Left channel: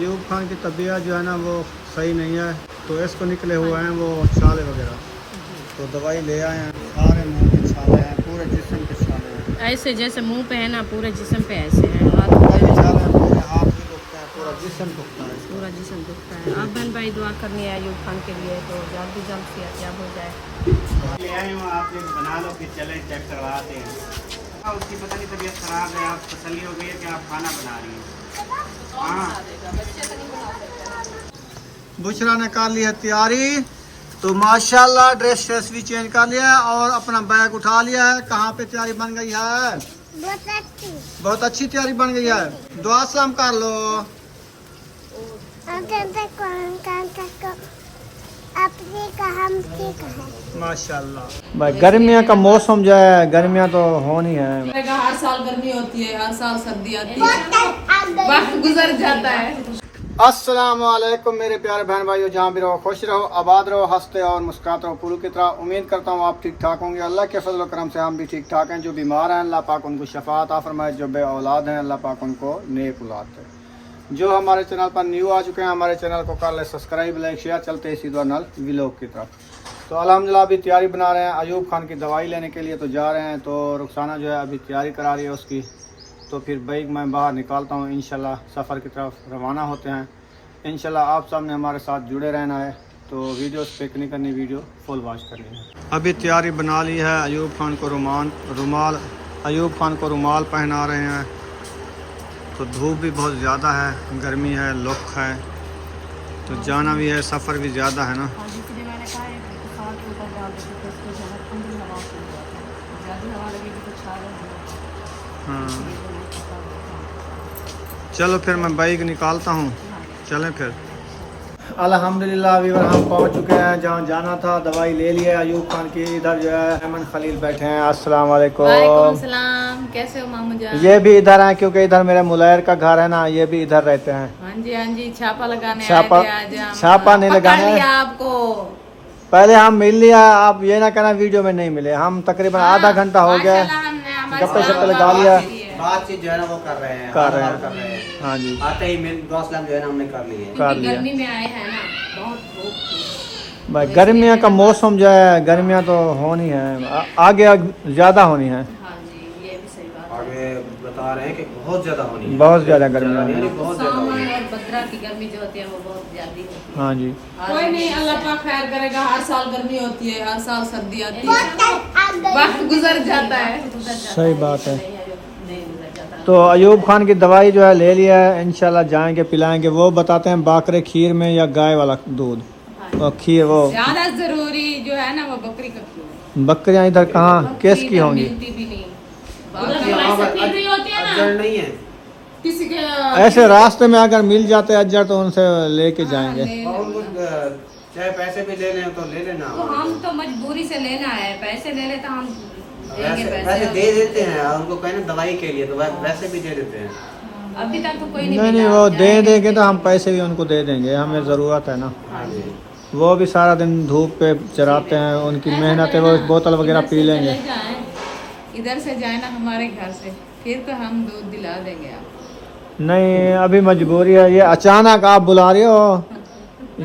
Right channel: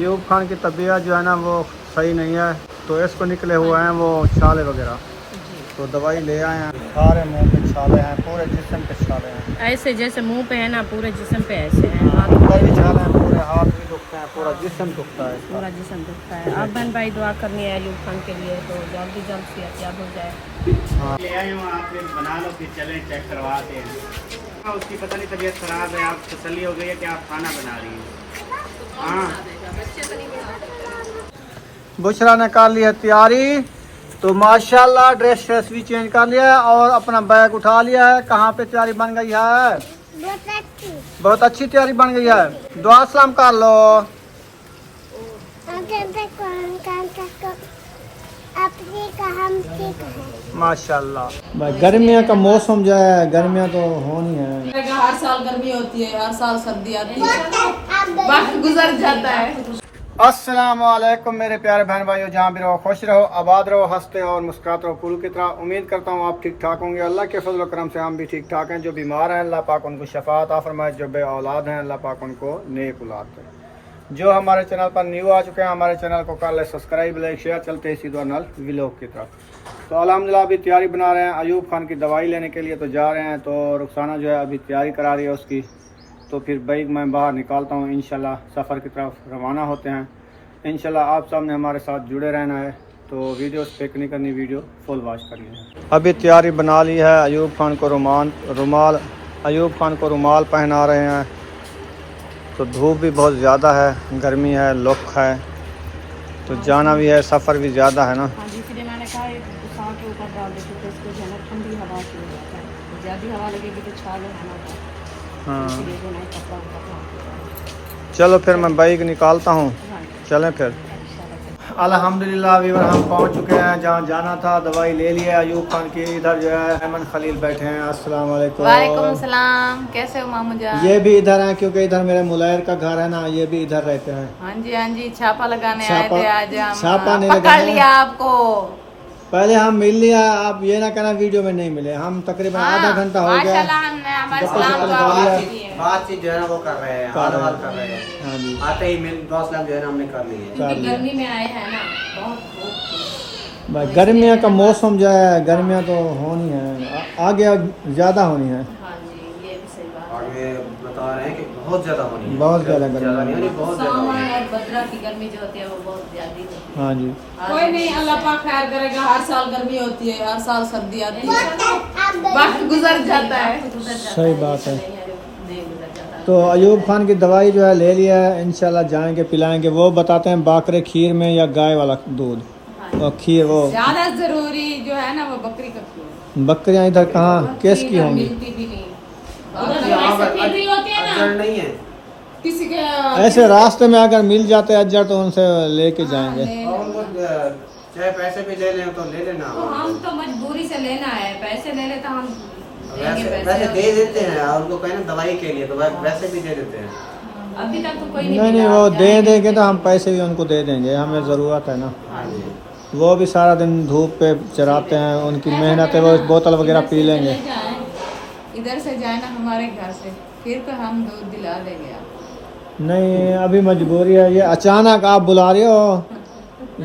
अयूब खान की तबीयत जो है ना वो सही नहीं है, तो इसको निकले हुए हैं वो छाले वगैरह, तो दवाई ले आए हैं। सारे मुंह पे छाले हैं, पूरे जिस्म पे छाले हैं, ऐसे जैसे मुंह पे है ना, पूरे जिस्म पे ऐसे हैं, हाथ छाले हैं, पूरे हाथ भी दुखते हैं, पूरा जिस्म दुखता है इसका। पूरा जिस्म दुखता है। आप बहन भाई दुआ करनी है अयूब खान के लिए, तो जल्दी सेहतयाब हो जाए। ले आई हूँ, आप ये बना लो, फिर चलें चेक करवाते हैं। उसकी पता नहीं तबीयत खराब है, आप तसल्ली हो गई है कि आप खाना बना रही हैं। हाँ, बुशरा ने कर ली है तैयारी, तो माशाल्लाह ड्रेस व्रेस भी चेंज कर लिया है और अपना बैग उठा लिया है। कहाँ पे तैयारी बन गई है? बहुत अच्छी तैयारी बन गई है। दुआ सलाम कर लो। माशाल्लाह भाई, गर्मियों का मौसम जो है, गर्मियाँ तो होनी है। हर साल गर्मी होती है, हर साल सर्दी आती है, वक्त गुजर जाता है। अस्सलाम वालेकुम मेरे प्यारे बहन भाइयों, जहाँ भी रहो खुश रहो, आबाद रहो, हंसते और मुस्कुराते रहो पूरी की तरह। उम्मीद करता हूँ आप ठीक ठाक होंगे। अल्लाह के फजल करम से हम भी ठीक ठाक हैं। जो बीमार हैं अल्लाह पाक उनको शफा अता फरमाए, जो बे औलाद हैं अल्लाह पाक उनको नेक औलाद दे। जो हमारे चैनल पर न्यू आ चुके हैं, हमारे चैनल को कर ले सब्सक्राइब, लाइक, शेयर। चलते हैं सीधा नल व्लॉग की तरफ। तो अल्हम्दुलिल्लाह अभी तैयारी बना रहे हैं अयूब खान की दवाई लेने के लिए, तो जा रहे हैं। तो रुखसाना जो है अभी तैयारी करा रही है उसकी, तो फिर बाइक मैं बाहर निकालता हूँ। इंशाल्लाह सफ़र की तरफ रवाना होते हैं। इंशाल्लाह आप सामने हमारे साथ जुड़े रहना है, तो वीडियो स्किप नहीं करनी, वीडियो फुल वॉच करनी है। अभी तैयारी बना ली है। अयूब खान को अयूब खान को रुमाल पहना रहे हैं। तो धूप भी बहुत ज़्यादा है, गर्मी है, लुक है, तो जाना भी है, सफ़र भी ज़्यादा है ना। हाँ जी, इसलिए मैंने कहा के ऊपर डाल देती तो इसको जो है ना ठंडी हवा से हो जाता है। ज़्यादा हवा लगेगी तो छाले है ना ऊपर, हाँ, इसलिए जो है कपड़ा ऊपर। चलो फिर मैं बाइक निकालता हूँ, चलें फिर। अल्हम्दुलिल्लाह वीवर हम पहुंच चुके हैं जहां जाना था। दवाई ले लिया अयूब खान की। इधर जो है अहमद खलील बैठे हैं। अस्सलाम वालेकुम। वालेकुम सलाम, कैसे हो मामू जान? ये भी इधर हैं क्योंकि इधर मेरे मुलैर का घर है ना, ये भी इधर रहते हैं। हाँ जी, छापा लगाने छापा- आए थे आज हम। छापा नहीं पकड़ लगाने। लिया आपको। पहले हम मिल लिया, आप ये ना कहना वीडियो में नहीं मिले। हम तकरीबन आधा घंटा हो गया, माशाल्लाह हमने हमारे गप्पे सलाम शप्पे का लगा लिया। आवाज़ दी है। बातचीत जो है ना वो कर रहे हैं, कर रहे हाल हैं। कर रहे हैं। हाँ जी, आते ही मिल दोस्त जो है ना हमने कर लिए है। कर क्योंकि लिया। गर्मी में आए हैं ना, बहुत धूप थी। भाई गर्मियों का मौसम जो है, गर्मियाँ तो होनी है, आगे ज़्यादा होनी है। हाँ जी, ये भी सही बात है। आगे बता रहे हैं कि बहुत ज्यादा होनी है, बहुत ज़्यादा गर्मी यानी है। बहुत ज्यादा सामा होनी है। और भद्रा की गर्मी जो होती है वो बहुत ज्यादा होती है। हाँ जी, कोई नहीं, अल्लाह पाक खैर करेगा। हर साल गर्मी होती है, हर साल सर्दी आती है, वक्त गुजर जाता है। सही बात है। नहीं गुजर जाता। तो अयूब खान की दवाई जो है ले लिया है, इंशाल्लाह जाएंगे पिलाएंगे। वो बताते हैं बाकरे खीर में या गाय वाला दूध और खीर। वो ज्यादा जरूरी जो है ना वो बकरी का खीर। बकरियां इधर कहाँ किस की होंगी? मिलती भी नहीं। उधर यहाँ पर फैक्ट्री होती है ना, अजगर नहीं है। किसी के ऐसे रास्ते में अगर मिल जाते अज्जर तो उनसे लेके जाएंगे। और उनको चाहे पैसे भी ले लें तो ले लेना। तो हम तो मजबूरी से लेना है, पैसे ले ले तो हम देंगे वैसे पैसे। दे देते हैं, और उनको कहना दवाई के लिए तो वैसे भी दे देते हैं। अभी तक तो कोई नहीं नहीं मिला, वो आप दे जाएंगे। देंगे तो हम पैसे भी उनको दे देंगे, हमें ज़रूरत है ना। हाँ जी, वो भी सारा दिन धूप पे चराते हैं, उनकी मेहनत है, वो बोतल वगैरह पी लेंगे। इधर से जाए ना हमारे घर से, फिर तो हम दूध दिला देंगे आप। नहीं अभी मजबूरी है, ये अचानक आप बुला रहे हो।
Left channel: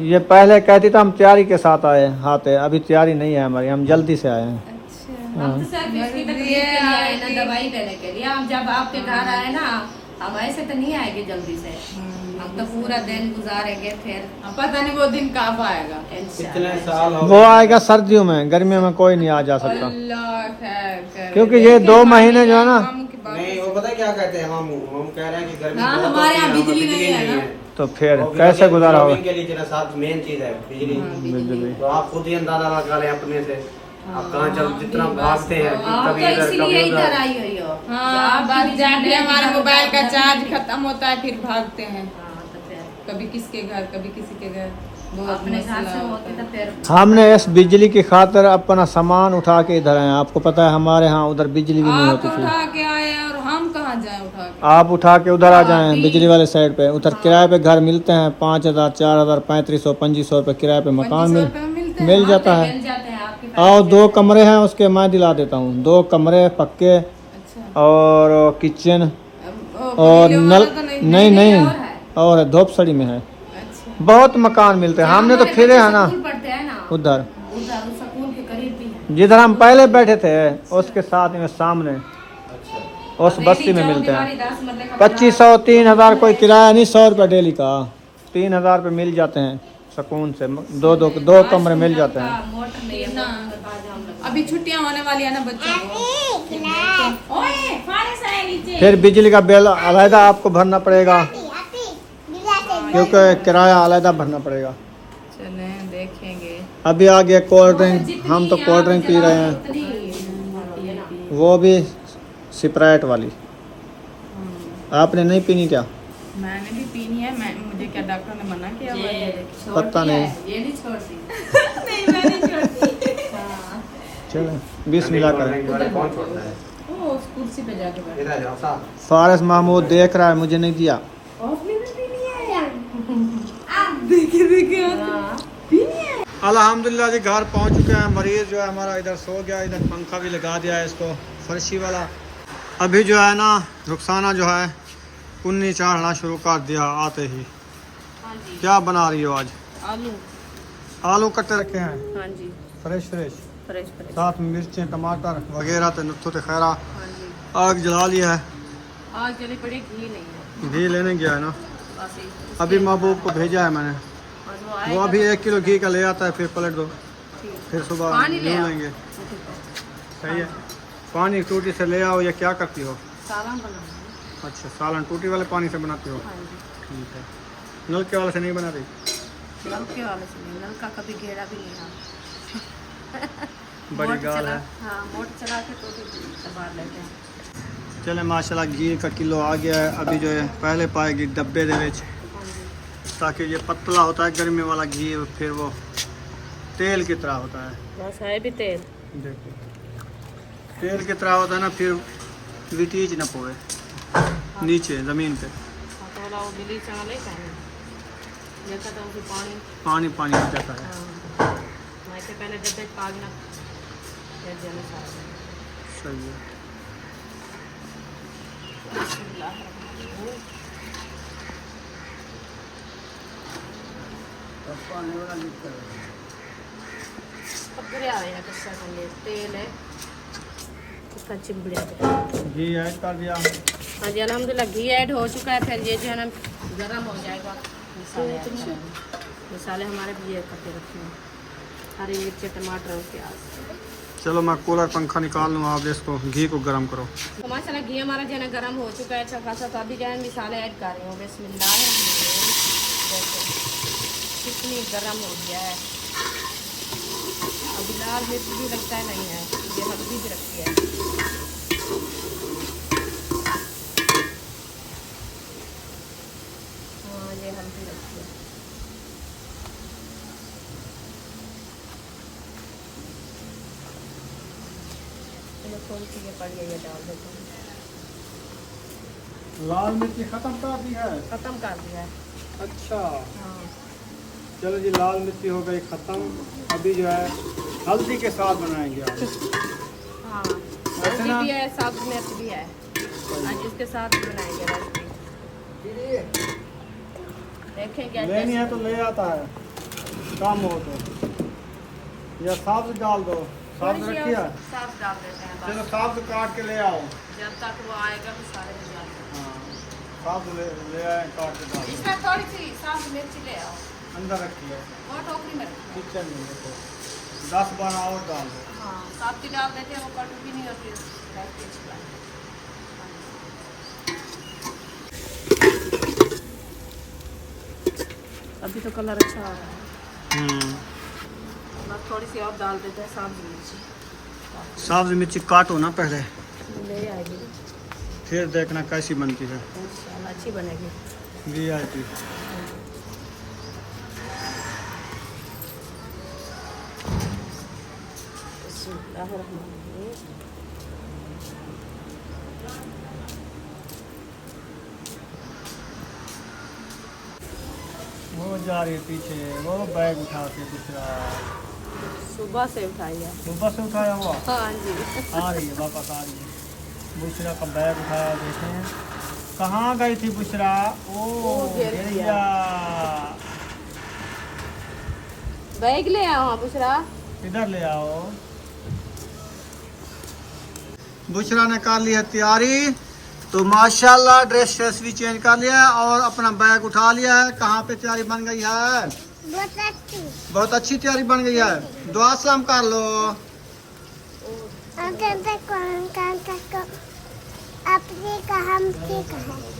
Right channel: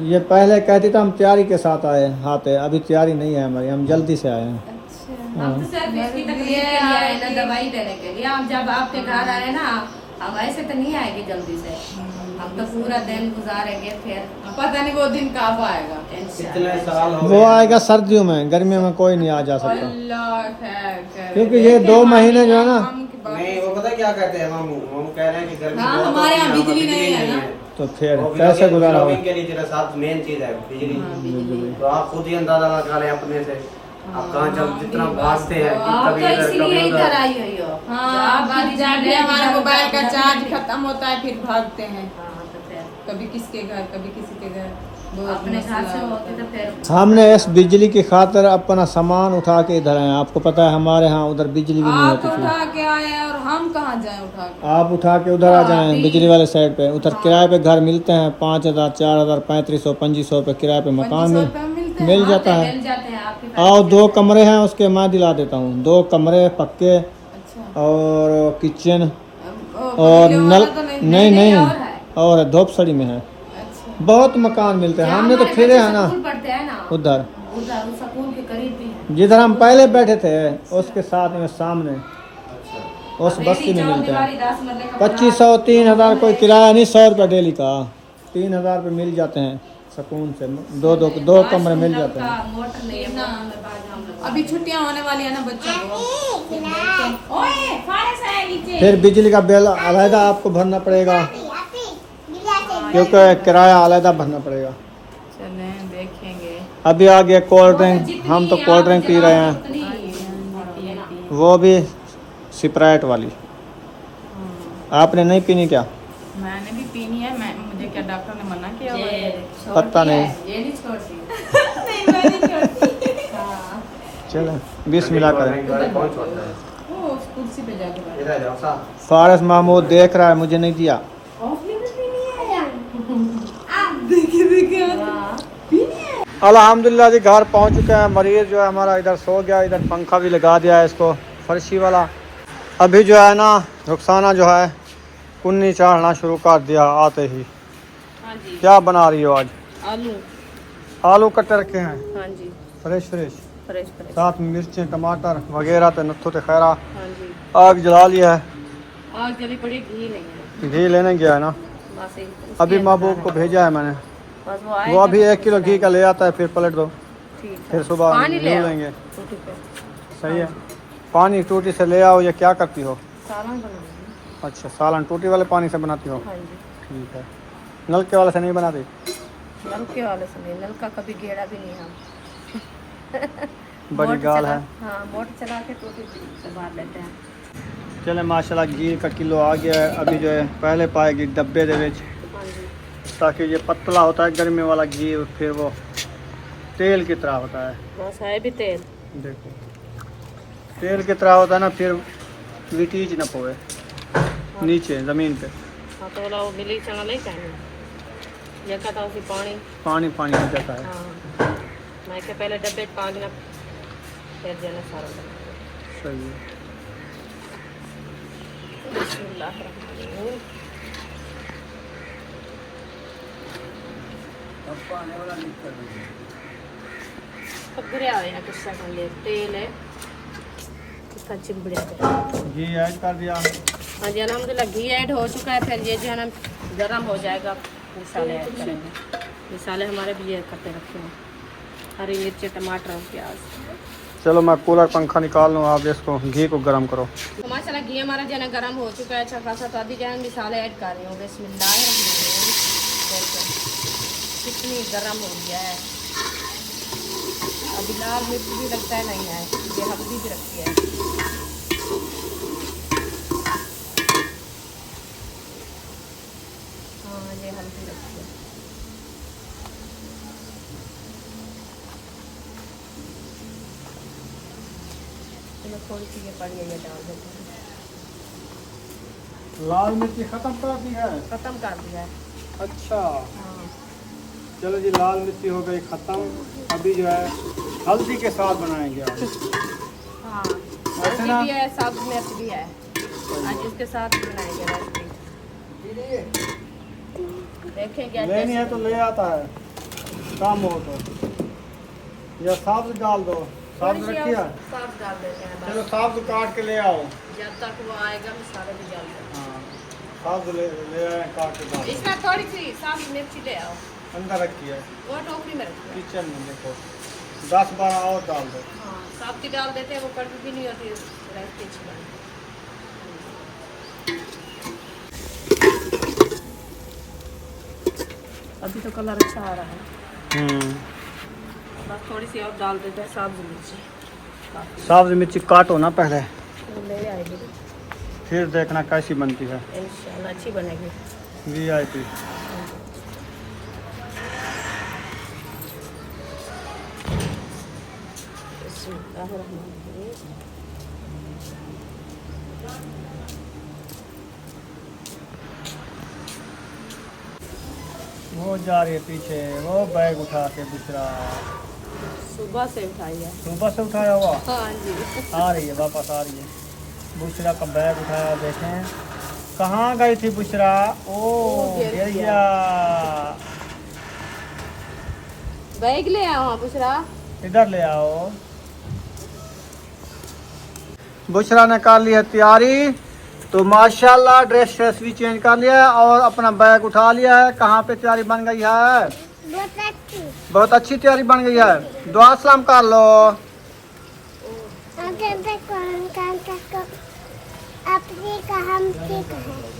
ये पहले कहती तो हम तैयारी के साथ आते। अभी तैयारी नहीं है हमारी, हम जल्दी से आए हैं। अच्छा, हाँ। हम तो सिर्फ इसकी तकलीफ के लिए आए ना, दवाई लेने के लिए। हम जब आपके घर आए ना, हम ऐसे तो नहीं आएंगे जल्दी से, हम तो पूरा दिन गुजारेंगे। फिर पता नहीं वो दिन कब आएगा। कितने साल हो वो गए। आएगा सर्दियों में, गर्मियों में कोई नहीं आ जा सकता। अल्लाह खैर करे। क्योंकि ये 2 महीने जो है ना, हम की बात- नहीं, वो पता है क्या कहते हैं, हम कह रहे हैं कि गर्मी हाँ, बहुत हमारे होती है, यहाँ बिजली नहीं है ना। तो फिर वो कैसे बिजली- गुजारा होगा? बिजली के लिए तेरा साथ मेन चीज है बिजली। बिजली। तो आप खुद ही अंदाजा लगा लें अपने से, आप कहाँ चल जितना भागते हैं कि आप कभी तो इधर इसलिए कभी इधर उधर। आई हुई हो। हाँ, जब बात जाके हमारे इधर मोबाइल का उधर चार्ज इधर- खत्म होता है, फिर भागते हैं। हाँ, तो फिर कभी किसके घर, कभी किसी के घर। बहुत अपने घर मसला से होता होती है। तो फिर हमने इस बिजली की खातिर अपना सामान उठा के इधर आए। आपको पता है हमारे यहाँ उधर बिजली भी नहीं आप होती थी। उठा के आए हैं और हम कहाँ जाए उठा के? आप उठा के उधर आ जाएं बिजली वाले साइड पे। उधर किराए पे घर मिलते हैं 5000, 4000, 3500, 2500 रुपये किराए पे मकान 2500 रुपये मिलते हैं। मिल जाता है। मिल जाते हैं आपकी और 2 कमरे हैं उसके, मैं दिला देता हूँ। 2 कमरे पक्के अच्छा, और किचन वो और पहले नल। वाला तो नहीं नहीं और है। और धोपसड़ी में है। अच्छा। बहुत मकान मिलते हैं, जहाँ हमने तो हमारे फिरे बच्चे हैं ना स्कूल पढ़ते हैं ना उधर, उधर उस स्कूल के करीब भी है। जिधर हम पहले बैठे थे उसके साथ में सामने उस बस्ती में मिलते हैं। 2500 3000 कोई किराया नहीं, 100 रुपये डेली का, 3000 रुपये मिल जाते हैं सुकून से। दो कमरे मिल जाते हैं। मोटर नहीं है ना अभी छुट्टियां होने वाली है ना बच्चों को। ओए फारिस है नीचे। फिर बिजली का बिल अलहदा आपको भरना पड़ेगा, क्योंकि किराया अलहदा भरना पड़ेगा। चले देखेंगे। अभी आ गया कोल्ड ड्रिंक, हम तो कोल्ड ड्रिंक पी रहे हैं, वो भी स्प्राइट वाली। आपने नहीं पीनी क्या? मैंने भी पीनी है। मुझे क्या डॉक्टर ने मना किया हुआ है? पता नहीं। ये नहीं छोड़ती। नहीं मैं नहीं छोड़ती। हाँ। चलो बिस्मिल्लाह करें। वो उस कुर्सी पे जाके बैठ। फारिस महमूद देख रहा है, मुझे नहीं दिया। आपने भी पीनी है यार? देखिए हाँ। पीनी है। अल्हम्दुलिल्लाह जी घर पहुंच चुके हैं। मरीज जो है हमारा इधर सो गया, इधर पंखा भी लगा दिया है इसको फर्शी वाला। अभी जो है ना रुखसाना जो है कुन्नी चाढ़ना शुरू कर दिया आते ही। हाँ जी। क्या बना रही हो आज? आलू। आलू कट्टे रखे हैं हाँ जी। Fresh fresh, fresh fresh. साथ में मिर्चें टमाटर वगैरह तो नुत्थु ते खैरा। हाँ जी। आग जला लिया है, आग जली पड़ी, घी नहीं है घी लेने गया है ना। बस ही। अभी महबूब को भेजा है मैंने, बस वो वो आएगा अभी तो 1 किलो घी का ले आता है, फिर पलट दो, ठीक है। फिर सुबह पानी ले ले आओ। लेंगे। ठीक है। सही है। पानी टूटी से ले आओ या क्या करती हो? सालन बनाना है। अच्छा सालन टूटी वाले पानी से बनाती हो? हाँ जी। ठीक है। नलके वाले से नहीं बनाती? नलके वाले से नहीं, नल का कभी घेरा भी नहीं हम। बड़ी मोटर गाल चला- है। हाँ मोटर चला के टूटी से बाहर लेते हैं। चले माशाल्लाह घी का किलो आ गया है। अभी जो है पहले पाएगी डब्बे दे विच, हाँ जी। ताकि ये पतला होता है गर्मी वाला घी, फिर वो तेल की तरह होता है। बस है भी तेल। देखो तेल की तरह होता है ना, फिर लिटीज न पोए नीचे ज़मीन पे, हाँ तो वाला वो मिली चना नहीं कहने ये कहता उसी पानी। पानी पानी हो जाता है। हाँ मैं के पहले डब्बे पाग ना फिर देना सारा बना। सही है। बिस्मिल्लाहिर्रहमानिर्रहीम। पकड़े आ रहे हैं कुछ सेकंड ले, तेल है इसका चिमड़े पे। घी ऐड कर दिया। हाँ जी अल्हम्दुलिल्लाह घी ऐड हो चुका है। फिर ये जो है ना गर्म हो जाएगा, मसाले ऐड करेंगे। मसाले हमारे भी ये कट्टे रखे हैं, हरी मिर्ची टमाटर और प्याज। चलो मैं कूलर पंखा निकाल लूँ, आप इसको घी को गर्म करो। तो माशाल्लाह घी हमारा जो है ना गर्म हो चुका है अच्छा खासा। तो अभी जो है मसाले ऐड कर रही हूँ। बिस्मिल्लाहिर्रहमानिर्रहीम। देखो कितनी गर्म हो गया है। अभी लाल मिर्च भी लगता है नहीं है, ये हल्दी भी रखी है। हाँ ये हल्दी रखी है। चलो थोड़ी सी ये पड़ी है, ये डाल देते हैं। लाल मिर्ची ख़त्म कर दी है? खत्म कर दिया है। अच्छा हाँ चलो जी, लाल मिर्ची हो गई ख़त्म। अभी जो है हल्दी के साथ बनाएंगे आज। हाँ ऐसे ना? हल्दी भी है, सब्ज मिर्च भी है। आज इसके साथ भी बनाएंगे रेसिपी। देखेंगे लेनी है तो ले आता है, काम हो तो, या सब्ज डाल दो। सब्ज रखी है? सब्ज डाल देते हैं चलो बस। सब्ज काट के ले आओ। जब तक वो आएगा मसाले भी डाल देते हैं। हाँ सब्ज ले आए, काट के डाल। इसमें थोड़ी सी सब्ज मिर्ची ले आओ, अंदर रखी है वो टोकरी में रखी है। किचन में, देखो 10-12 और डाल दो। हाँ सब्जी डाल देते हैं, वो कड़वी भी नहीं होती, रेसिपी अच्छी बनती है। अभी तो कलर अच्छा आ रहा है। बस थोड़ी सी और डाल देते हैं सब्ज मिर्ची। सब्ज मिर्ची काटो ना पहले, ले आएगी फिर देखना कैसी बनती है। इंशाल्लाह अच्छी बनेगी। VIP। बिस्मिल्लाहिर्रहमानिर्रहीम। वो जा रही है पीछे, वो बैग उठा के दूसरा सुबह से उठाई है। सुबह से उठाया हुआ हाँ जी। आ रही है, वापस आ रही है। दूसरा का बैग उठाया, देखें कहाँ गई थी बुशरा? ओ गिर गिर गया। गया। बैग ले आओ हाँ बुशरा। इधर ले आओ। बुशरा ने कर ली है तैयारी, तो माशाल्लाह ड्रेस व्रेस भी चेंज कर लिया है और अपना बैग उठा लिया है। कहाँ पे तैयारी बन गई है? बहुत अच्छी तैयारी बन गई है। दुआ सलाम कर लो।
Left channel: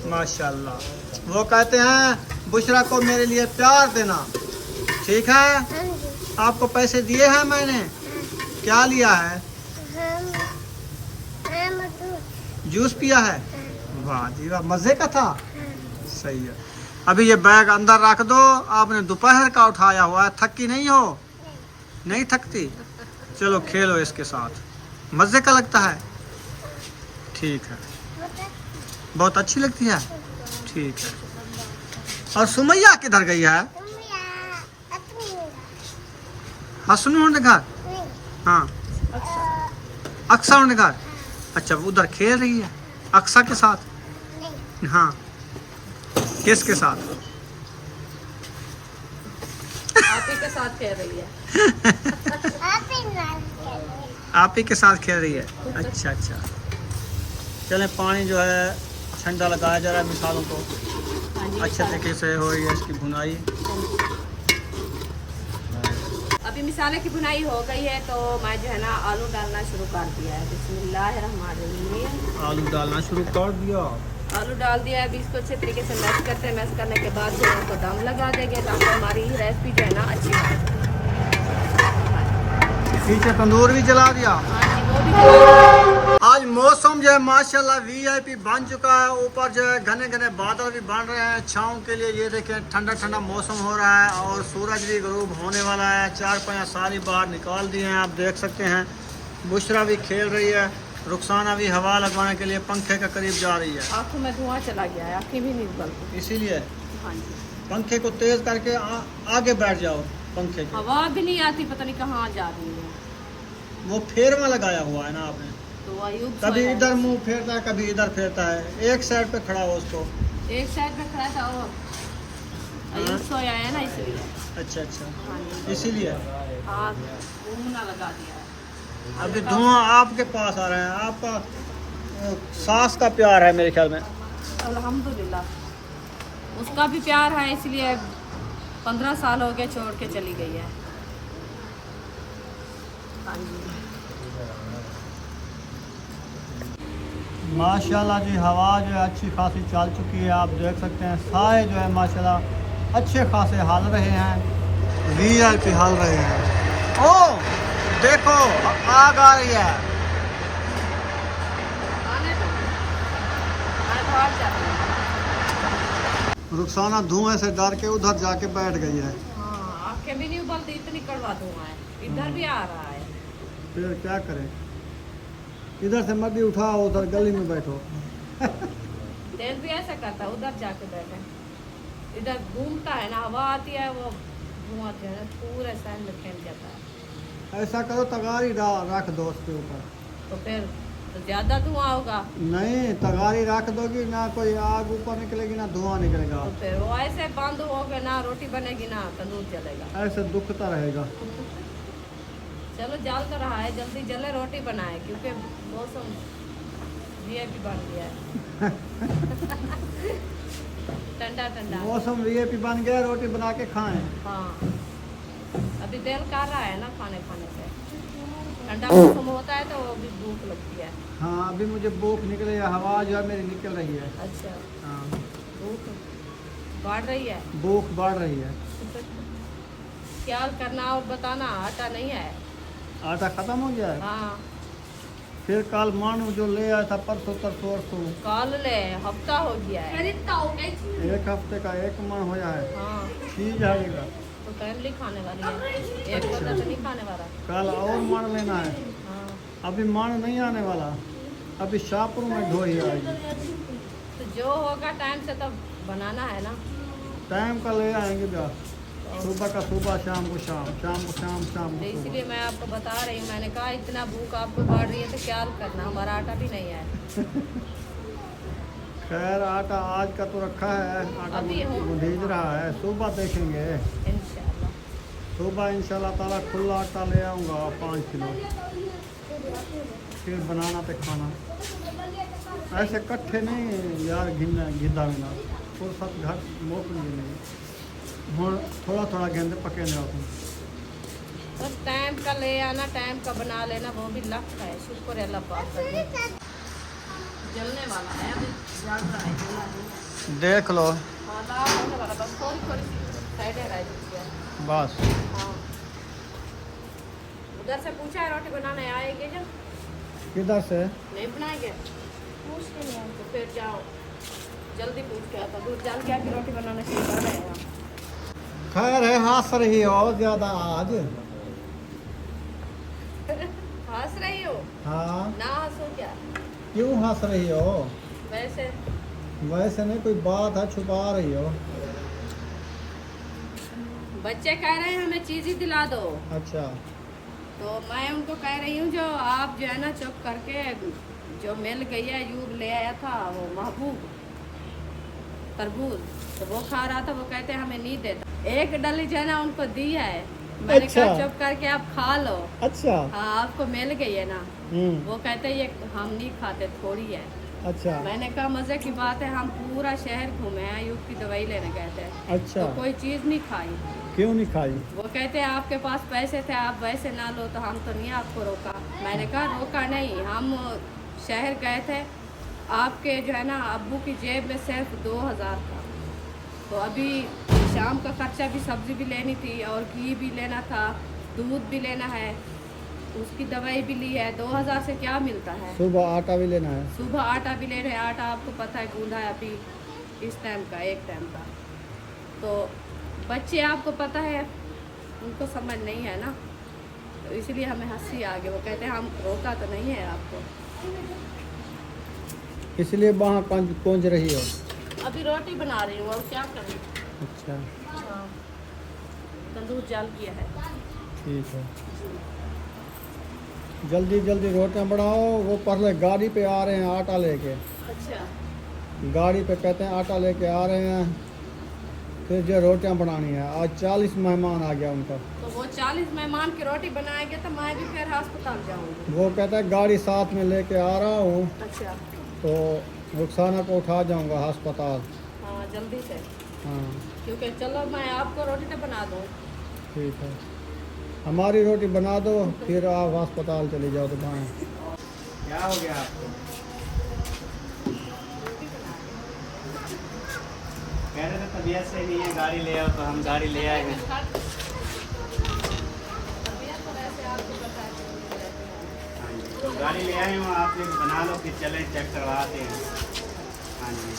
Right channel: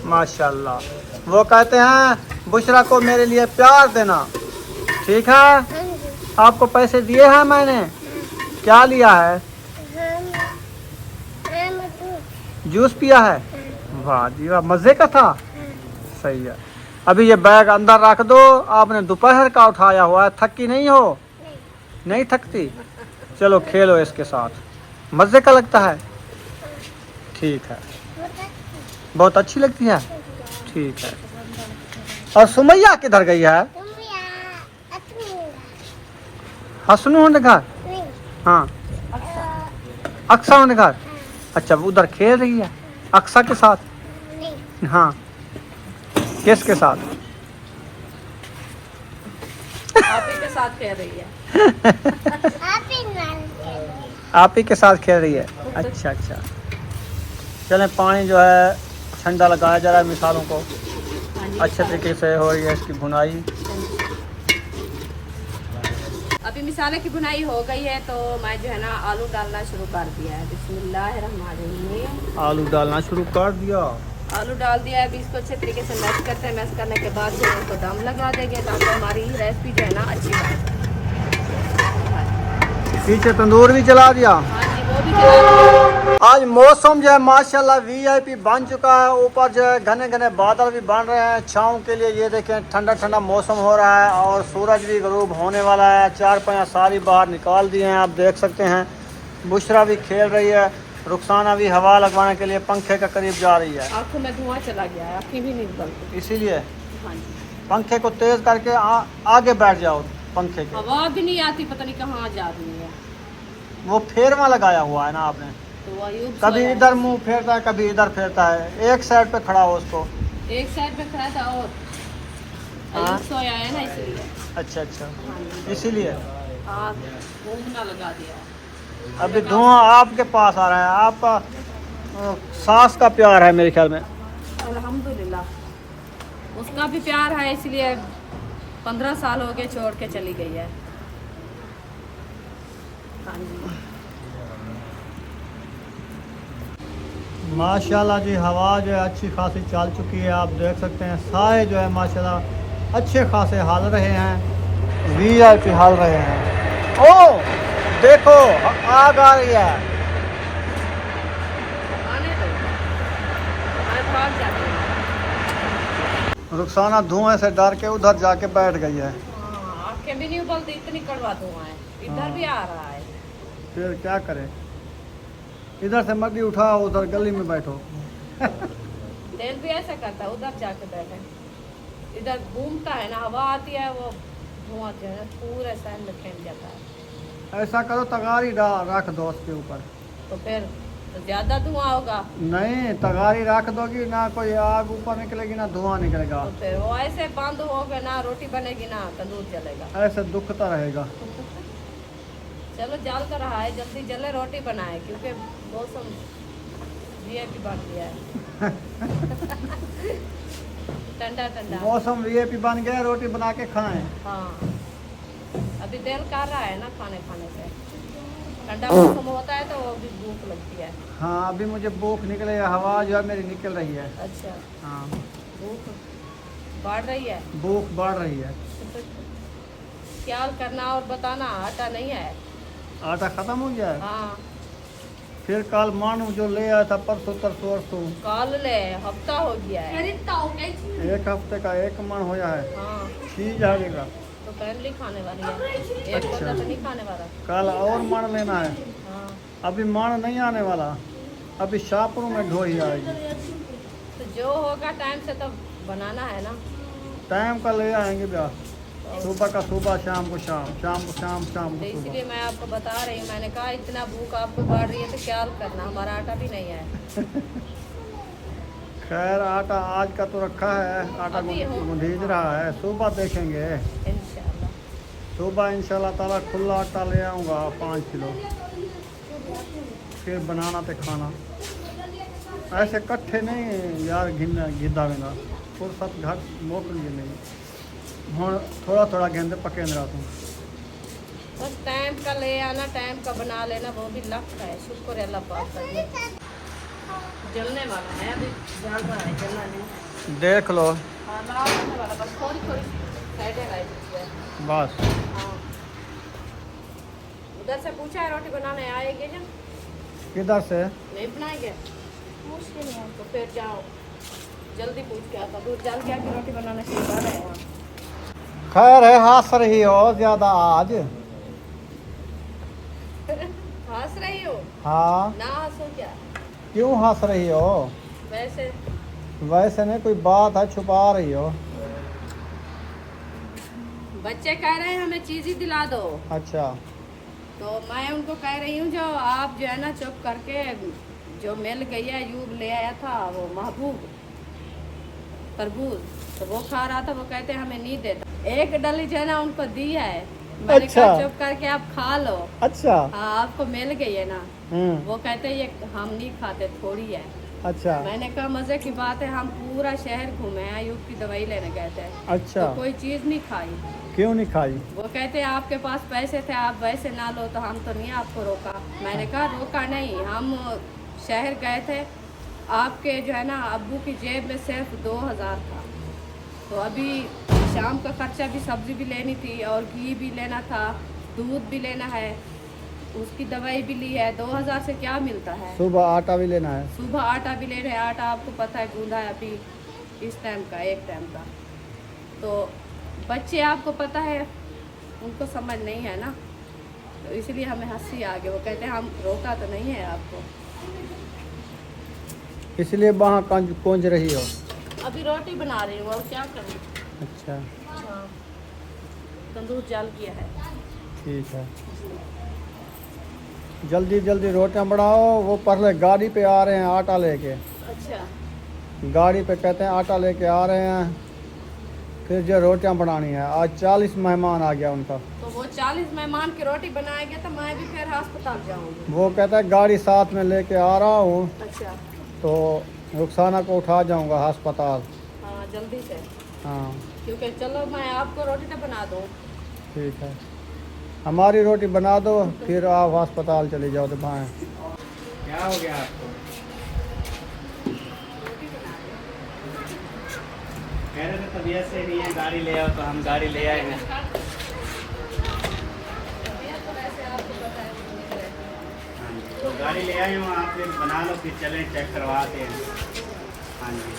माशाल्लाह। वो कहते हैं बुशरा को मेरे लिए प्यार देना, ठीक है? आपको पैसे दिए हैं मैंने। क्या लिया है? जूस पिया है। वाह जी वाह, मजे का था। सही है। अभी ये बैग अंदर रख दो। आपने दोपहर का उठाया हुआ है, थकी नहीं हो? नहीं थकती? चलो खेलो इसके साथ, मजे का लगता है। ठीक है, बहुत अच्छी लगती है। ठीक है। और सुमैया किधर गई है? हसनू घर? हाँ, अक्सा घर। अच्छा, वो उधर खेल रही है अक्सा के साथ? हाँ, किसके साथ? आपी के साथ खेल रही है। आप ही के साथ खेल रही है। अच्छा अच्छा। चलें, पानी जो है ठंडा लगाया जा रहा है मिसालों को। हाँ जी, अच्छे तरीके से हो रही है इसकी भुनाई। अभी मिसाले की बुनाई हो गई है, तो मैं जो है ना आलू डालना शुरू कर दिया है। बिस्मिल्लाहिर्रहमानिर्रहीम। आलू डालना शुरू कर दिया। आलू डाल दिया है। अभी इसको अच्छे तरीके से मैश करते हैं। मैश करने के बाद जो है इसको दम लगा देंगे, ताकि हमारी रेसिपी जो है ना अच्छी बने। पीछे तंदूर भी जला दिया। हाँ जी, वो भी जला दिया। आज मौसम जो है माशाल्लाह VIP बन चुका है। ऊपर जो है घने घने बादल भी बन रहे हैं छाँव के लिए। ये देखें, ठंडा ठंडा मौसम हो रहा है और सूरज भी गरूब होने वाला है। चार पैया सारी बाहर निकाल दिए हैं, आप देख सकते हैं। बुशरा भी खेल रही है। रुखसाना भी हवा लगवाने के लिए पंखे के करीब जा रही है। आँखों में धुआं चला गया है, आँखें भी नहीं निकलती। इसीलिए हाँ जी, पंखे को तेज करके आगे बैठ जाओ पंखे के। हवा भी नहीं आती, पता नहीं कहाँ जा रही है। वो फेरवा लगाया हुआ है ना आपने, तो अयूब कभी सोया है। इधर मुंह फेरता है, कभी इधर फेरता है। एक साइड पे खड़ा हो उसको। एक साइड पे खड़ा था और हाँ? अयूब सोया है ना, इसलिए। अच्छा अच्छा, हाँ जी, इसीलिए हाँ, घूमना लगा दिया है। अभी धुआं आपके पास आ रहा है। आपका सास का प्यार है मेरे ख्याल में। अल्हम्दुलिल्लाह, उसका भी प्यार है, इसलिए 15 साल हो गए छोड़ के चली गई है। हाँ जी, माशाल्लाह जी, हवा जो है अच्छी खासी चल चुकी है। आप देख सकते हैं साए जो है माशाल्लाह अच्छे खासे हाल रहे हैं। VIP हाल रहे हैं। ओ देखो, आग आ रही है। आने दो, मैं भाग जाती हूँ। रुखसाना धुएं से डर के उधर जाके बैठ गई है। हाँ, आँखें भी नहीं उबलती, इतनी कड़वा धुआं है। इधर भी आ रहा है। फिर क्या करें, इधर से मर्दी उठा, उधर गली में बैठो। तेल भी ऐसा करता है, उधर जाके बैठे। इधर घूमता है ना, हवा आती है, वो धुआं जो है पूरे शहर में फैल जाता है। ऐसा करो, तगारी रख दो उसके ऊपर। तो फिर तो ज्यादा धुआं होगा। नहीं, तगारी रख दोगी ना, कोई आग ऊपर निकलेगी ना धुआं निकलेगा। तो फिर वो ऐसे बंद होगा ना, रोटी बनेगी ना, तंदूर जलेगा। ऐसे दुखता रहेगा। चलो, जल तो रहा है, जल्दी जले, रोटी बनाए, क्योंकि मौसम VIP बन गया है। ठंडा ठंडा मौसम VIP बन गया, रोटी बना के खाएं। हाँ, अभी दिल कर रहा है ना खाने खाने से। ठंडा मौसम होता है तो भी भूख लगती है। हाँ, अभी मुझे भूख निकले, हवा जो है मेरी निकल रही है। अच्छा, हाँ, भूख बढ़ रही है। भूख बढ़ रही है। ख्याल करना और बताना, आटा नहीं है। आटा खत्म हो गया है। हाँ, फिर कल मानू जो ले आया था परसों तरसों, कल ले हफ्ता हो गया है। 1 हफ्ते का 1 मन होया है। हाँ, ठीक जाएगा। तो फैमिली खाने वाली है, एक बंदा तो नहीं खाने वाला। कल और मन लेना है। हाँ, अभी मन नहीं आने वाला, अभी शाहपुर में ढोई आएगी। तो जो होगा टाइम से तो बनाना है ना। टाइम का ले आएंगे ब्याह, सुबह का सुबह, शाम को शाम, शाम को शाम, शाम तो को सुबह। इसलिए मैं आपको बता रही हूँ। मैंने कहा इतना भूख आपको बढ़ रही है तो ख्याल करना, हमारा आटा भी नहीं है। खैर आटा आज का तो रखा है, आटा अभी हो। भीज रहा है, सुबह देखेंगे। इंशाल्लाह। सुबह इंशाल्लाह ताला खुला आटा ले आऊँगा 5 किलो, फिर बनाना तो खाना। ऐसे कट्ठे नहीं यार, गिद्दा बिना फुर्सत घर मोकल भी नहीं हूँ, थोड़ा थोड़ा गेंदे पके रहता हूँ। बस टाइम का ले आना, टाइम का बना लेना, वो भी लगता है। शुक्र है अल्लाह पाक का। जलने वाला है, अभी जल रहा है, जलना नहीं। देख लो हाँ लाओ, जलने वाला, बस थोड़ी थोड़ी साइड है रही। बस। हाँ उधर से पूछा है रोटी बनाने आएंगे जब? किधर से? नहीं बनाएंगे, पूछ के नहीं तो फिर जाओ जल्दी पूछ के आता। दूध डाल के आके रोटी बनाना सिखा रहे हैं। खैर है, हंस रही हो ज्यादा आज। हंस रही हो? हाँ, ना हंसो क्या? क्यों हंस रही हो? वैसे वैसे नहीं, कोई बात है, छुपा रही हो। बच्चे कह रहे हैं हमें चीज ही दिला दो, अच्छा, तो मैं उनको कह रही हूँ जो आप जो है ना चुप करके, जो मिल गई है यूब ले आया था वो महबूब तरबूज, तो वो खा रहा था, वो कहते हैं हमें नहीं देता। एक डली जो है ना उनको दी है, मैंने अच्छा। कहा चुप करके आप खा लो। अच्छा। हाँ आपको मिल गई है ना। हम्म। वो कहते हैं ये हम नहीं खाते, थोड़ी है। अच्छा। मैंने कहा मजे की बात है, हम पूरा शहर घूमे हैं, यूब की दवाई लेने गए थे, अच्छा, तो कोई चीज नहीं खाई। क्यों नहीं खाई? वो कहते हैं आपके पास पैसे थे, आप वैसे ना लो, तो हम तो नहीं आपको रोका। मैंने कहा रोका नहीं, हम शहर गए थे, आपके जो है ना अब्बू की जेब में सिर्फ 2000 था, तो अभी शाम का खर्चा भी, सब्जी भी लेनी थी और घी भी लेना था, दूध भी लेना है, उसकी दवाई भी ली है। 2000 से क्या मिलता है? सुबह आटा भी लेना है। सुबह आटा भी ले रहे हैं, आटा आपको पता है गूंदा है अभी इस टाइम का, एक टाइम का। तो बच्चे आपको पता है उनको समझ नहीं है ना, तो इसलिए हमें हंसी आ गई। वो कहते हैं हम रोका तो नहीं है आपको। इसलिए वहाँ कौंज रही हो। अभी रोटी बना रही हूँ और क्या करूँ। अच्छा, हाँ तंदूर जाल किया है। ठीक है, जल्दी जल्दी रोटियां बनाओ। वो पहले गाड़ी पे आ रहे हैं आटा लेके, अच्छा गाड़ी पे कहते हैं आटा लेके आ रहे हैं, फिर जो रोटियां बनानी है। आज 40 मेहमान आ गया उनका, तो वो 40 मेहमान की रोटी बनाएंगे तो मैं भी फिर अस्पताल जाऊँगी। वो कहता है गाड़ी साथ में लेके आ रहा हूँ, अच्छा तो रुखसाना को उठा जाऊँगा अस्पताल। हाँ जल्दी से, हाँ क्योंकि चलो मैं आपको रोटी तो बना दूँ। ठीक है, हमारी रोटी बना दो, फिर आप अस्पताल चले जाओ। तो भाई क्या हो गया आपको? कह रहे थे तबीयत से नहीं है, गाड़ी ले आओ, तो हम गाड़ी ले आए हैं। हाँ जी, तो गाड़ी ले आए हूँ, आप फिर बना लो, फिर चलें चेक करवाते हैं। हाँ जी,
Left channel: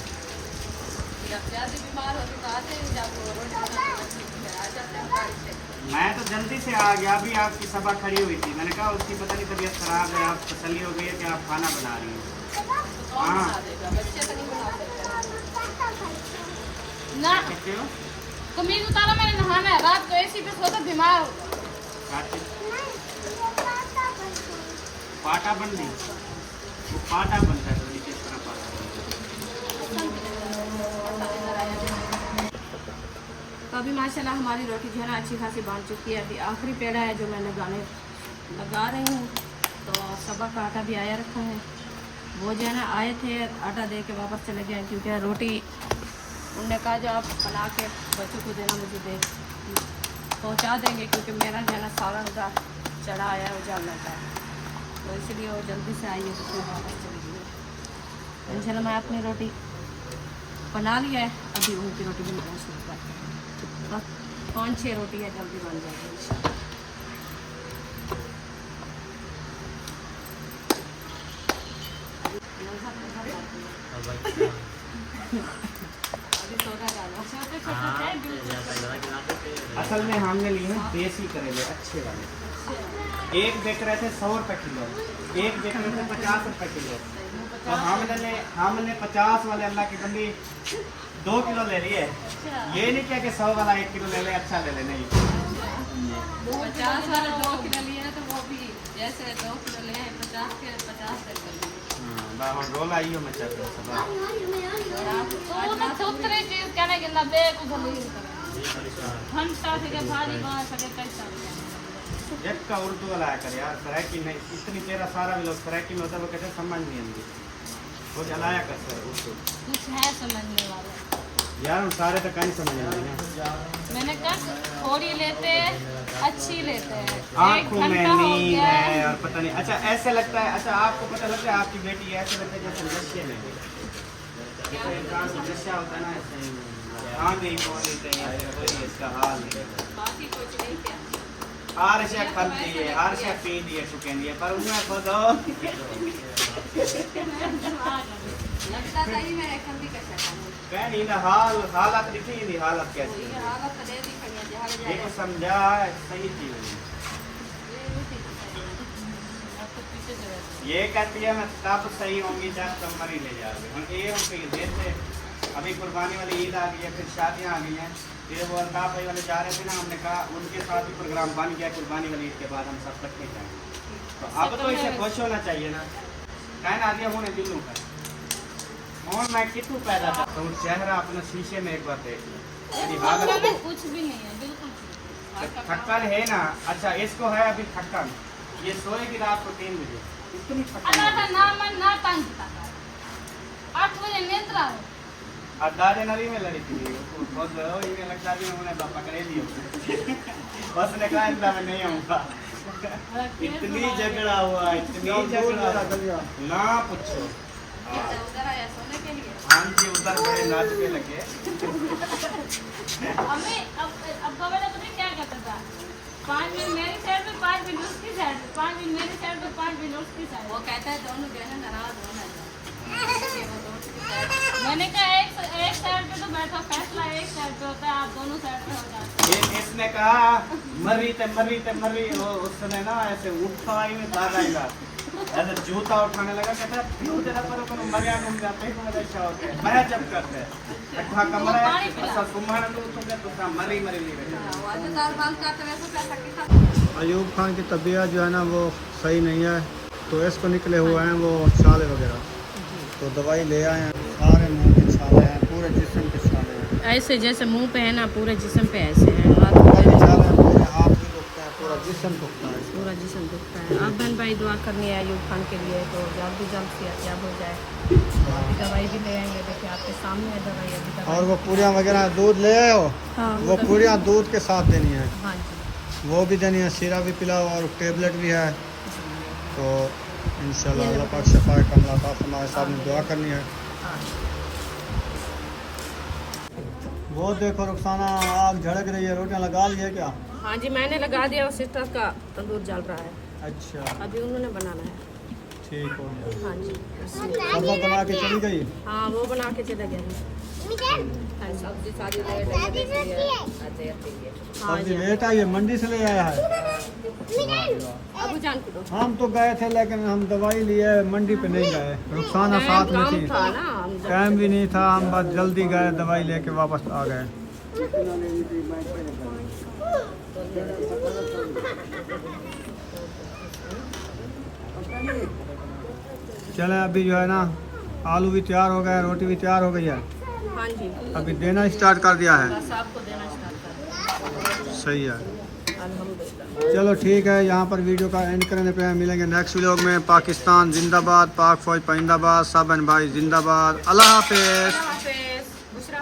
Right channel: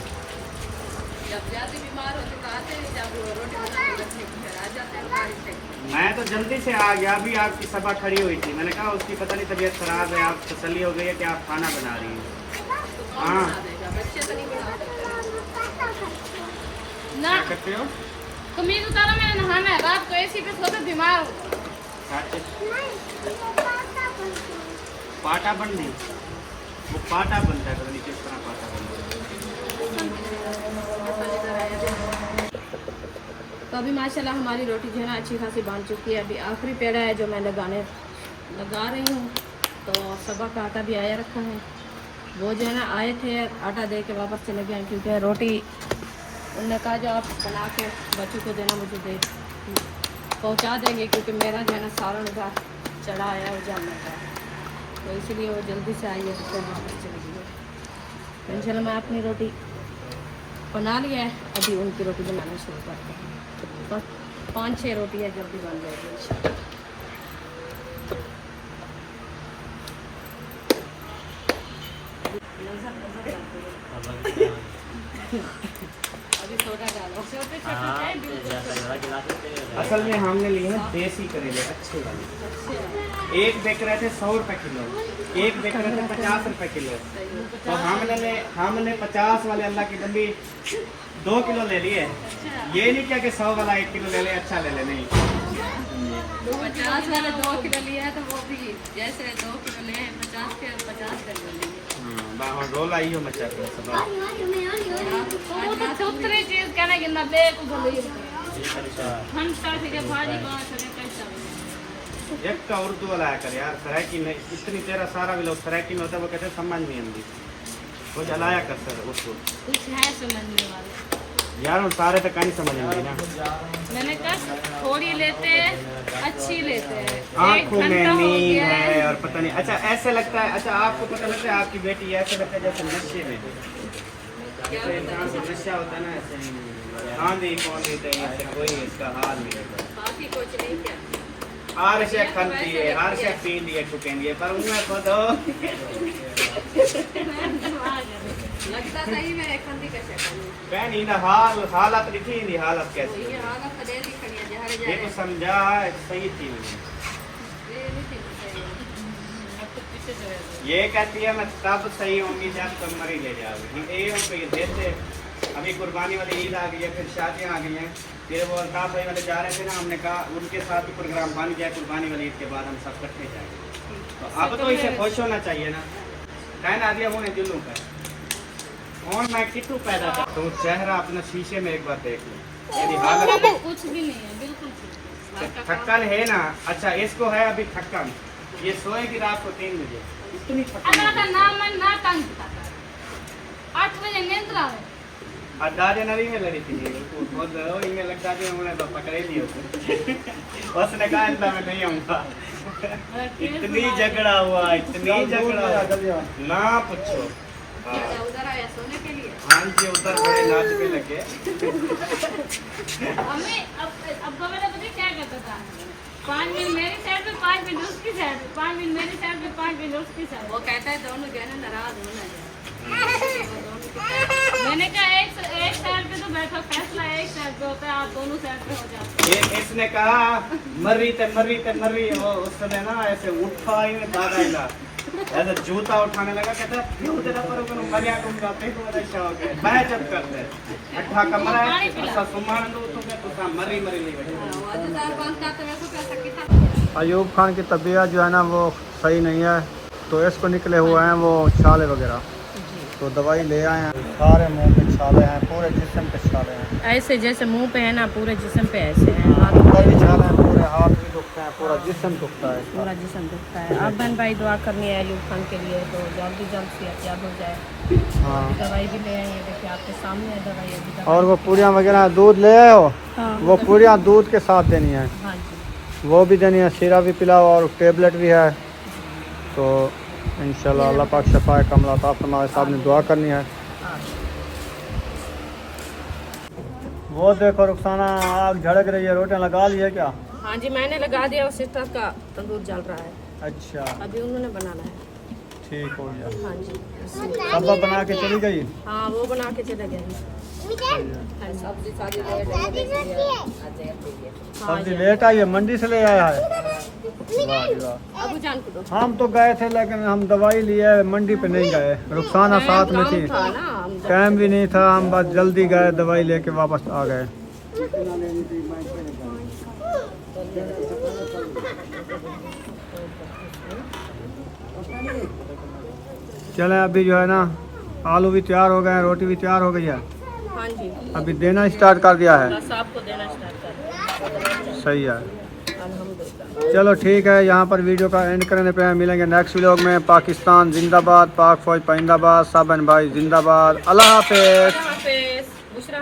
जब ज़्यादा बीमार हो तो आते हैं, जब वो रोटी बनाने लगती है फिर आ जाते हैं गाड़ी से। मैं तो जल्दी से आ गया, अभी आपकी सभा खड़ी हुई थी, मैंने कहा उसकी पता नहीं तबीयत खराब है, आप तसल्ली हो गई है कि आप खाना बना रही हैं। हाँ, बच्चे तो नहीं बना सकते ना क्या करते हो? कमीज उतारा मैंने, नहाना है, रात को एसी पे सोता बीमार हो। पाटा बंदी, वो पाटा बनता है, तो नहीं किस तरह पाटा बनता है। तो अभी माशाल्लाह हमारी रोटी जो है ना अच्छी खासी बन चुकी है। अभी आखिरी पेड़ा है जो मैं लगा रही हूँ। तो सबा का आटा भी आया रखा है, वो जो है ना आए थे आटा दे के वापस चले गए, क्योंकि रोटी उनने कहा जो आप बना के बच्चों को देना, मुझे दे पहुँचा देंगे, क्योंकि मेरा जो है ना सालन का चढ़ा आया है उजाला का, तो इसलिए वो जल्दी से आई है, तो फिर वापस चली गई है। इंशाल्लाह मैं अपनी रोटी बना लिया है, अभी उनकी रोटी बनाना शुरू करते हैं। बस 5-6 रोटी है, जल्दी बन जाएगी इंशाल्लाह। अभी सोडा डालो। असल में हमने लिए हैं देसी करेले, अच्छे वाले। एक बेच रहे थे 100 रुपये किलो, एक बेच रहे थे 50 रुपये किलो, तो हमने 50 वाले अल्लाह की बंदी 2 किलो ले लिए। ये नहीं क्या कि 100 वाला 1 किलो ले ले, अच्छा ले ले, नहीं। 50 वाले 2 किलो लिए हैं, तो वो भी जैसे 2 किलो ले 50 के 50 ले लेंगे। हाँ, बाहर रोल आई हो मचा पे सब तो उतरी चीज कहना कि ना बे को भले अच्छा घंटा से भाजी बना सके कैसा एक का उर्दू वाला है कर यार सरायकी नहीं इतनी तेरा सारा भी लोग सरायकी में होता है वो कहते हैं समझ नहीं आती वो जलाया कर सर उसको कुछ है समझने वाले यार उन सारे तक नहीं समझ में ना मैंने कहा थोड़ी लेते हैं अच्छी लेते हैं आंखों में नींद है और पता नहीं अच्छा ऐसे लगता है अच्छा आपको पता लगता है आपकी बेटी ऐसे लगता है जैसे नशे में है जैसे इंसान को नशा होता है ना ऐसे आंधी कौन लेते हैं ऐसे कोई इसका हाल नहीं बाकी कुछ नहीं क्या हर शे खाती है हर शे पींदी है टुकेंदी है पर उनमें खुद लगता सही में खंदी कैसे करनी कहनी ना हालत लिखी नहीं हालत कैसी ये हालत तो दे दी खड़ी है जहर ये जाए तो समझा है सही चीज ये नहीं थी सही अब तो पीछे जो है ये कहती है मैं तब सही होंगी जब तुम मरी ले जाओगे हम ये हमको ये देते अभी कुर्बानी वाली ईद आ गई है फिर शादियाँ आ गई हैं फिर वो अल्ताफ भाई वाले जा रहे थे ना हमने कहा उनके साथ ही प्रोग्राम बन गया कुर्बानी वाली ईद के बाद हम सब इकट्ठे जाएंगे तो अब तो इसे खुश होना चाहिए ना कहना आ दिया होने दिलों पर कौन मैं कितू पैदा था तो चेहरा अपना शीशे में एक बार देख लो यानी हालत कुछ भी नहीं है बिल्कुल थक्कन है ना अच्छा इसको है अभी थक्कन ये सोएगी रात को 3 बजे इतनी थक्कन ना तंग करता 8 बजे नींद लावे अड्डा जनवरी में लड़ी थी उसको बहुत इन्हें लगता है उन्हें पकड़े लिया उसने कहा अंदर मैं नहीं आऊंगा इतनी झगड़ा हुआ ना पूछो उधर आया सोने के लिए हाँ जी उधर बड़े नाच पे लगे हमें अब मैंने पता क्या कहता था 5 मिनट मेरी साइड पे 5 मिनट उसकी साइड पे 5 मिनट मेरी साइड पे 5 मिनट उसकी साइड वो कहता है दोनों जो है ना नाराज होना है मैंने कहा एक साइड पे तो बैठा फैसला एक साइड पे होता है आप दोनों साइड पे हो जाते ये इसने कहा मर्री वो उस समय ना ऐसे उठा ही में भागा ही ना ऐसे जूता उठाने लगा कहता क्यों तेरा पर को मरिया तुम जाते हो मेरा शौक है मैं जब करते अट्ठा कमरा है ऐसा सुमान तो क्या मरी नहीं अयूब खान की तबीयत जो है ना वो सही नहीं है तो इसको निकले हुए हैं वो छाले वगैरह तो दवाई ले आए हैं सारे मुंह पे छाले हैं पूरे जिस्म पे छाले हैं ऐसे जैसे मुंह पे है ना पूरे जिस्म पे ऐसे हैं हाथ पूरे हाथ भी दुखते हैं पूरा जिस्म दुखता है इसका। पूरा जिस्म दुखता है अब बहन भाई दुआ करनी है अयूब खान के लिए तो जल्द सेहतयाब हो जाए अभी दवाई भी ले आए हैं देखिए आपके सामने है दवाई अभी और वो पूरियाँ वगैरह दूध ले आए हो हाँ, वो पूरियाँ दूध के साथ देनी है हाँ जी वो भी देनी है सीरा भी पिलाओ और टेबलेट भी है तो इंशाल्लाह अल्लाह पाक शफाए कमला अता फरमाए साहब ने दुआ करनी है वो देखो रुखसाना आग झड़क रही है रोटियां लगा ली है क्या हाँ जी मैंने लगा दिया और सिस्टर का तंदूर जल रहा है अच्छा अभी उन्होंने बनाना है ठीक हो गया हाँ जी अब वो बना के चली गई हाँ वो बना के चले गए सब्जी सारी सब्जी लेट आई है मंडी से ले आया है अबू जान को दो हम तो गए थे लेकिन हम दवाई लिए मंडी पे नहीं गए रुखसाना साथ में थी था ना टाइम भी नहीं था हम बस जल्दी गए दवाई लेके वापस आ गए चले अभी जो है ना आलू भी तैयार हो गए रोटी भी तैयार हो गई है हाँ जी अभी देना स्टार्ट कर दिया है बस आपको देना स्टार्ट कर सही है अल्हम्दुलिल्लाह चलो ठीक है यहाँ पर वीडियो का एंड करने पे मिलेंगे नेक्स्ट व्लॉग में पाकिस्तान जिंदाबाद पाक फौज पाइंदाबाद साबन भाई जिंदाबाद अल्लाह हाफिज हाफिज बुशरा